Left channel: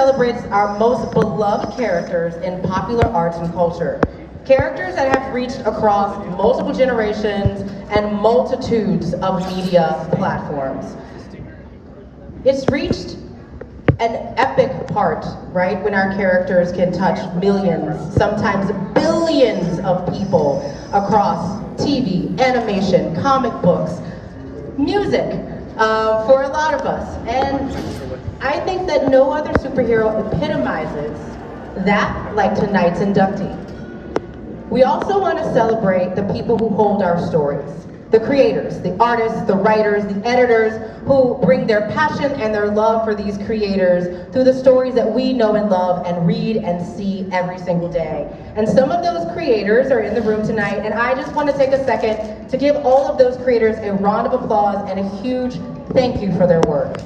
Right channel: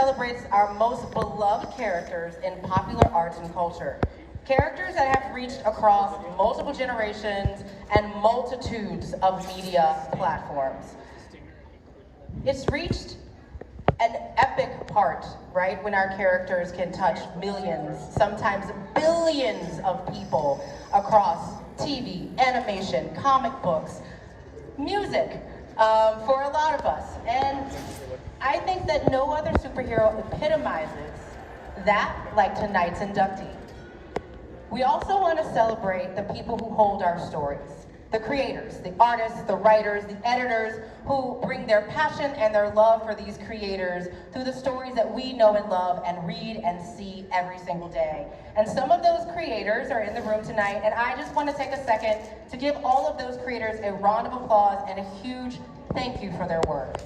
Celebrates our most beloved characters in popular arts and culture. Characters that have reached across multiple generations and multitudes of media platforms. It's reached an epic part, right, when our characters can touch millions, sometimes billions of people across TV, animation, comic books, music, for a lot of us. And I think that no other superhero epitomizes that like tonight's inductee. We also want to celebrate the people who hold our stories. The creators, the artists, the writers, the editors who bring their passion and their love for these creators through the stories that we know and love and read and see every single day. And some of those creators are in the room tonight, and I just want to take a second to give all of those creators a round of applause and a huge thank you for their work.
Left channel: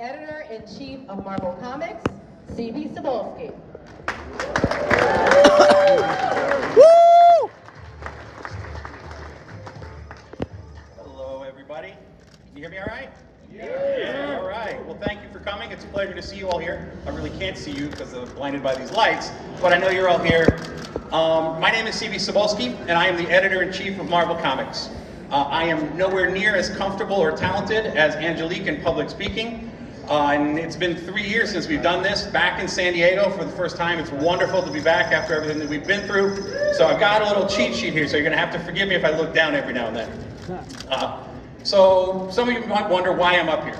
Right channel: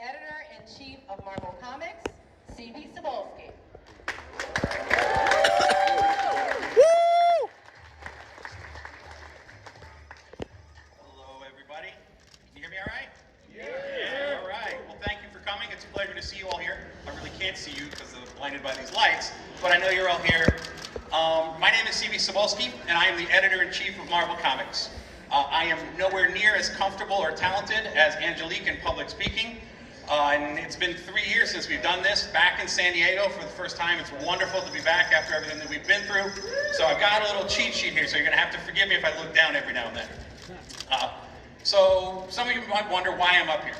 Editor-in-Chief of Marvel Comics, B Cebulski. Hello, everybody. Can you hear me all right? Yeah. All right. Well, thank you for coming. It's a pleasure to see you all here. I really can't see you because I'm blinded by these lights, but I know you're all here. My name is B Cebulski, and I am the Editor-in-Chief of Marvel Comics. I am nowhere near as comfortable or talented as Angelique in public speaking. And it's been 3 years since we've done this, back in San Diego for the first time. It's wonderful to be back after everything that we've been through. So I've got a little cheat sheet here, so you're gonna have to forgive me if I look down every now and then. So some of you might wonder why I'm up here.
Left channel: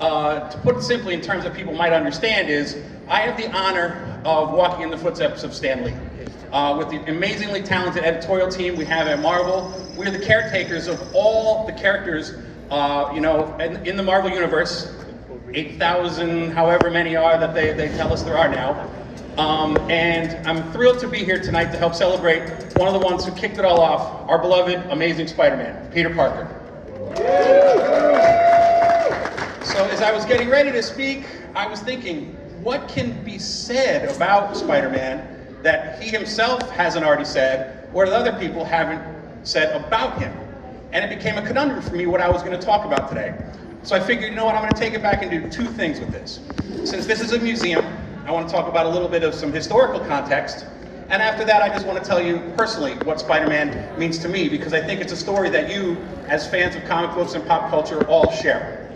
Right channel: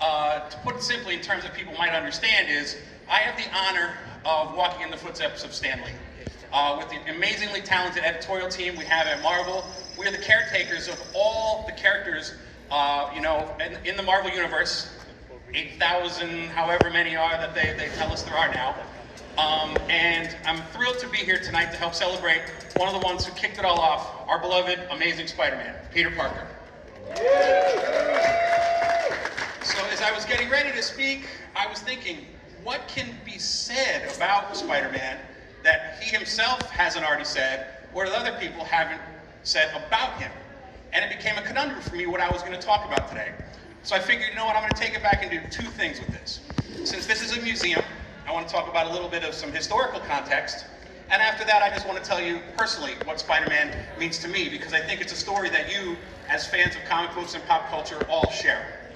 To put it simply in terms that people might understand is, I have the honor of walking in the footsteps of Stan Lee. With the amazingly talented editorial team we have at Marvel, we're the caretakers of all the characters in the Marvel Universe, 8,000, however many are that they tell us there are now. And I'm thrilled to be here tonight to help celebrate one of the ones who kicked it all off, our beloved, amazing Spider-Man, Peter Parker. So as I was getting ready to speak, I was thinking, what can be said about Spider-Man that he himself hasn't already said, or that other people haven't said about him? And it became a conundrum for me what I was going to talk about today. So I figured, you know what, I'm going to take it back and do two things with this. Since this is a museum, I want to talk about a little bit of some historical context. And after that, I just want to tell you personally what Spider-Man means to me, because I think it's a story that you, as fans of comic books and pop culture, all share.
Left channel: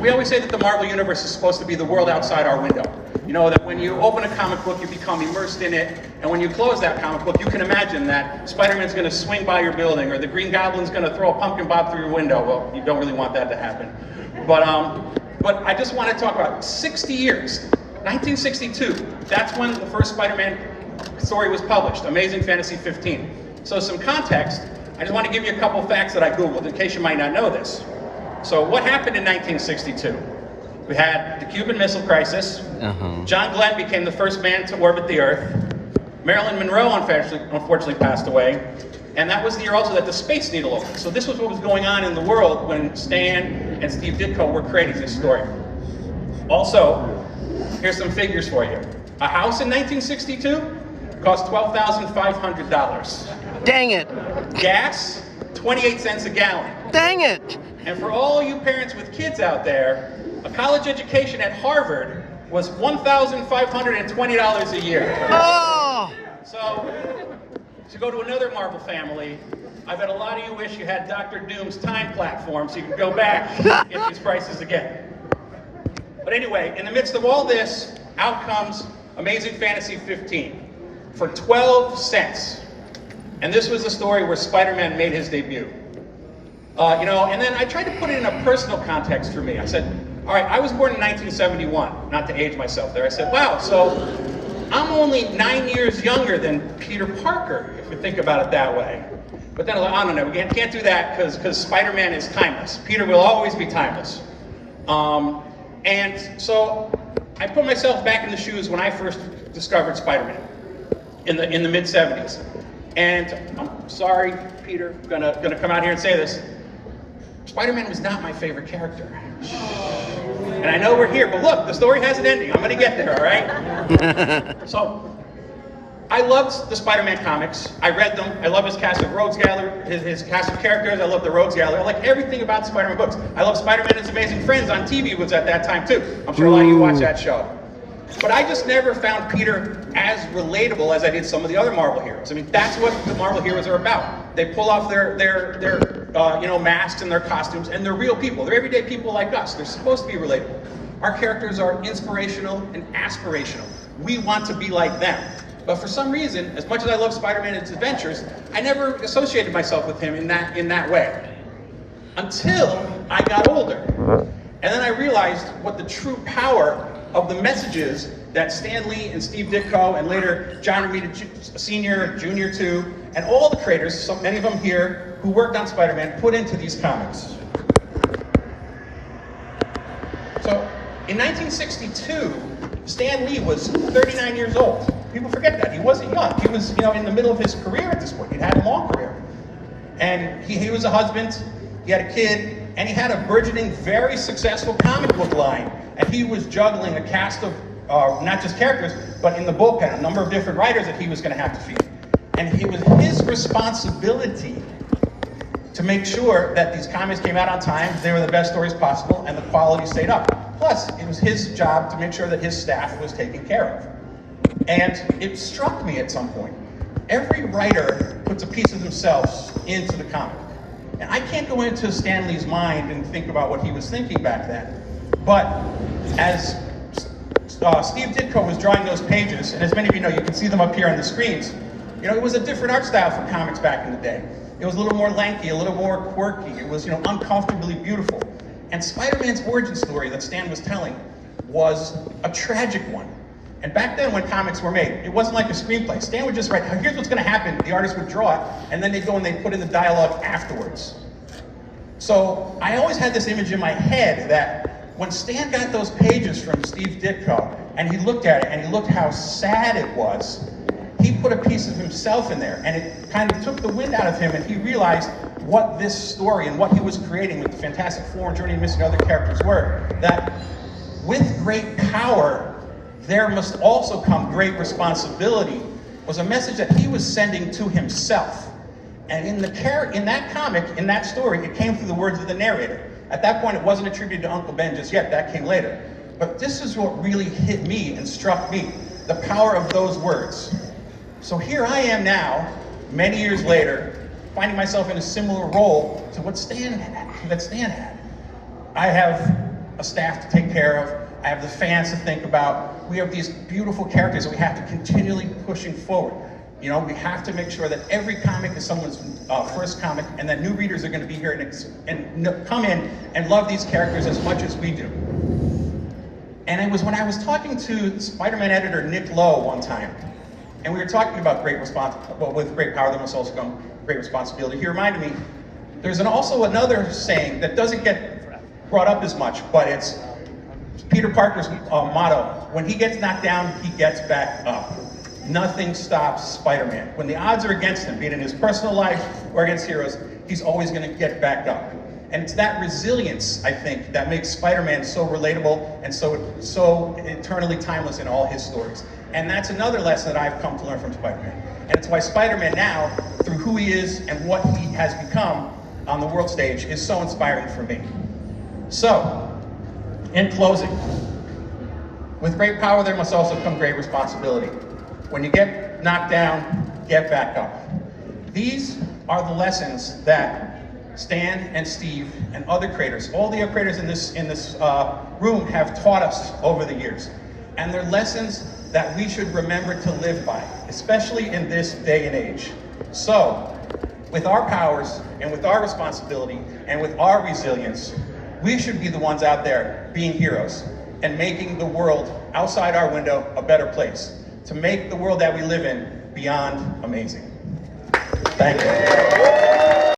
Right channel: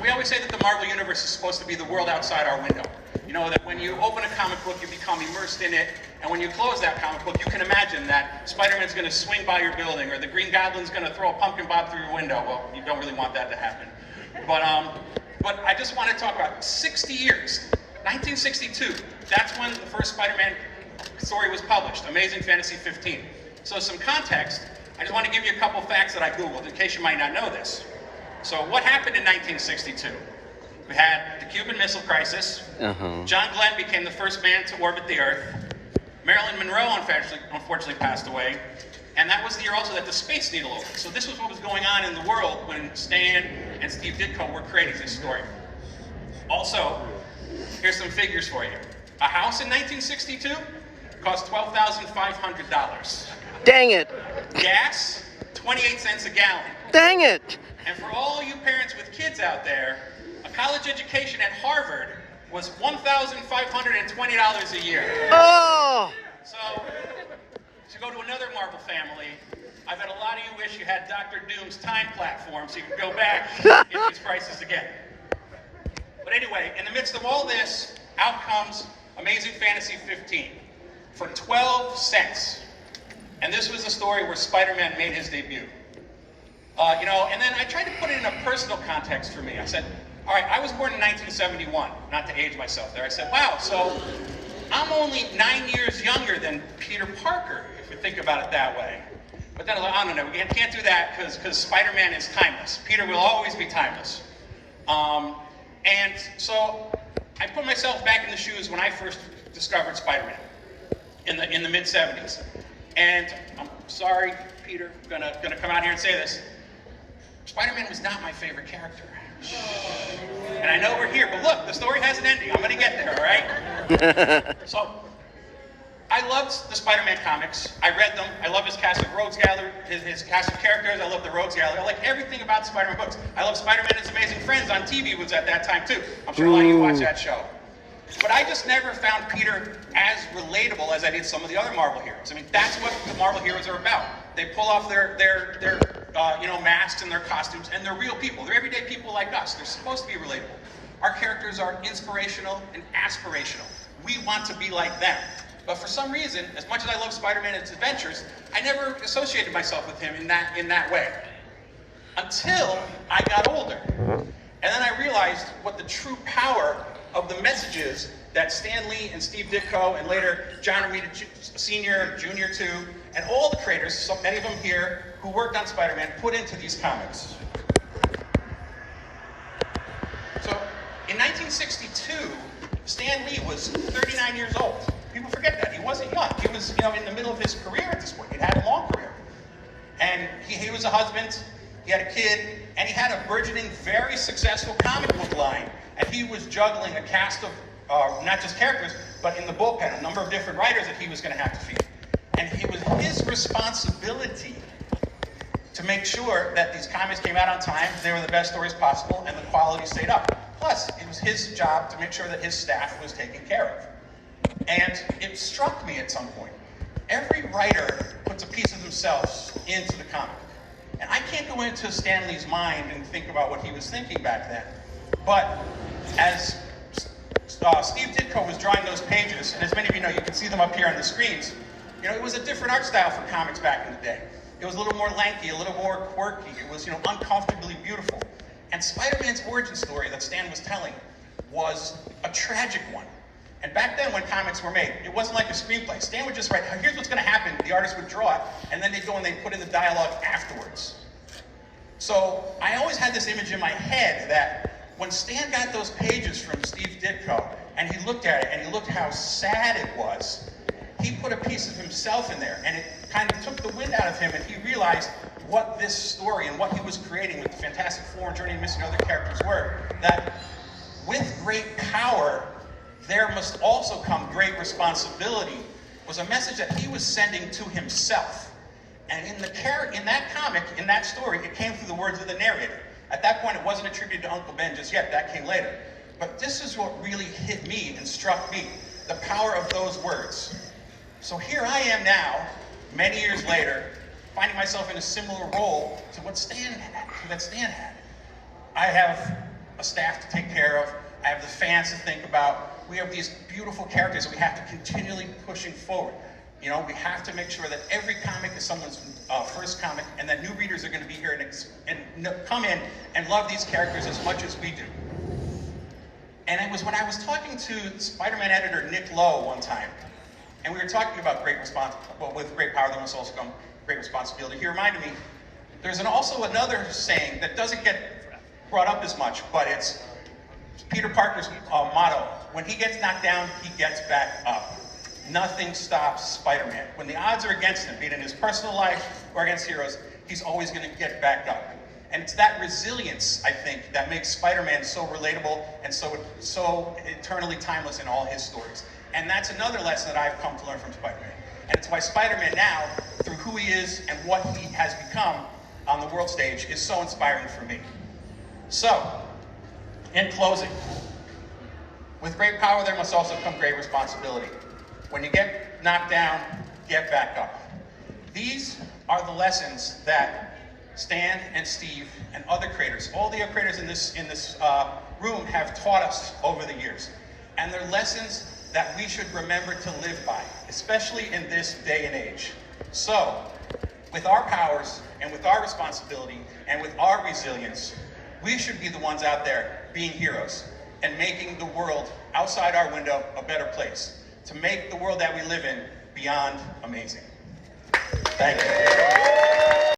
We always say that the Marvel Universe is supposed to be the world outside our window. You know, that when you open a comic book, you become immersed in it, and when you close that comic book, you can imagine that Spider-Man's going to swing by your building, or the Green Goblin's going to throw a pumpkin bob through your window. Well, you don't really want that to happen. But I just want to talk about 60 years. 1962, that's when the first Spider-Man story was published, Amazing Fantasy 15. So some context, I just want to give you a couple facts that I Googled, in case you might not know this. So what happened in 1962? We had the Cuban Missile Crisis. John Glenn became the first man to orbit the Earth. Marilyn Monroe unfortunately passed away. And that was the year also that the Space Needle opened. So this was what was going on in the world when Stan and Steve Ditko were creating this story. Also, Here's some figures for you. A house in 1962 cost $12,500. Dang it. Gas, 28 cents a gallon. Dang it. And for all you parents with kids out there, a college education at Harvard was $1,520 a year. Oh. So, to go to another Marvel family, I bet a lot of you wish you had Dr. Doom's time platform so you could go back and get these prices again. But anyway, in the midst of all this, out comes Amazing Fantasy 15 for 12 cents. And this was the story where Spider-Man made his debut. And then I tried to put it in a personal context for me. I said, all right, I was born in 1971, not to age myself there. I said, wow, so I'm only 9 years younger than Peter Parker, if you think about it that way. But then I was like, oh, no, we can't do that because Spider-Man is timeless. Peter will always be timeless. And so I put myself back in the shoes when I first discovered Spider-Man in the mid-70s. And I'm sorry, Peter, gonna come out here and say this. Spider-Man was not my favorite character. And I know we're here, but look, the story has an ending. I'm gonna get there, all right? So, I loved the Spider-Man comics. I read them. I love his cast of Rogues Gallery, his cast of characters. I love the Rogues Gallery. I like everything about Spider-Man books. I love Spider-Man and His Amazing Friends on TV was at that time too. I'm sure a lot of you watch that show. But I just never found Peter as relatable as I did some of the other Marvel heroes. I mean, that's what the Marvel heroes are about. They pull off their masks and their costumes, and they're real people. They're everyday people like us. They're supposed to be relatable. Our characters are inspirational and aspirational. We want to be like them. But for some reason, as much as I love Spider-Man and his adventures, I never associated myself with him in that way. Until I got older. And then I realized what the true power of the messages that Stan Lee and Steve Ditko and later John Romita Sr., Jr. too, and all the creators, so many of them here, who worked on Spider-Man, put into these comics. So, in 1962, Stan Lee was 39 years old. People forget that. He wasn't young. He was, in the middle of his career at this point. He'd had a long career. And he was a husband, he had a kid, and he had a burgeoning, very successful comic book line. And he was juggling a cast of, not just characters, but in the bullpen, a number of different writers that he was going to have to feed. And it was his responsibility to make sure that these comics came out on time, they were the best stories possible, and the quality stayed up. Plus, it was his job to make sure that his staff was taken care of. And it struck me at some point. Every writer puts a piece of themselves into the comic. And I can't go into Stan Lee's mind and think about what he was thinking back then. But as Steve Ditko was drawing those pages, and as many of you know, you can see them up here on the screens, it was a different art style for comics back in the day. It was a little more lanky, a little more quirky. It was, uncomfortably beautiful. And Spider-Man's origin story that Stan was telling was a tragic one. And back then when comics were made, it wasn't like a screenplay. Stan would just write, here's what's gonna happen. The artist would draw it, and then they'd go and they'd put in the dialogue afterwards. So I always had this image in my head that when Stan got those pages from Steve Ditko, and he looked at it, and he looked how sad it was, he put a piece of himself in there, and it kind of took the wind out of him, and he realized what this story and what he was creating with the Fantastic Four, Journey and Mystery, and other characters were, that with great power, there must also come great responsibility, was a message that he was sending to himself. And in that comic, in that story, it came through the words of the narrator. At that point, it wasn't attributed to Uncle Ben just yet, that came later. But this is what really hit me and struck me, the power of those words. So here I am now, many years later, finding myself in a similar role to what Stan had. I have a staff to take care of, I have the fans to think about. We have these beautiful characters that we have to continually pushing forward. We have to make sure that every comic is someone's first comic, and that new readers are going to be here and come in and love these characters as much as we do. And it was when I was talking to Spider-Man editor Nick Lowe one time, and we were talking about with great power there must also come great responsibility. He reminded me, there's also another saying that doesn't get brought up as much, but it's Peter Parker's motto: when he gets knocked down, he gets back up. Nothing stops Spider-Man. When the odds are against him, be it in his personal life or against heroes, he's always going to get back up. And it's that resilience, I think, that makes Spider-Man so relatable and so eternally timeless in all his stories. And that's another lesson that I've come to learn from Spider-Man. And it's why Spider-Man now, through who he is and what he has become on the world stage, is so inspiring for me. So, in closing, with great power there must also come great responsibility. When you get knocked down, get back up. These are the lessons that Stan and Steve and other creators, all the other creators in this room have taught us over the years. And they're lessons that we should remember to live by, especially in this day and age. So, with our powers and with our responsibility and with our resilience, we should be the ones out there being heroes and making the world outside our window a better place, to make the world that we live in beyond amazing. Thank you.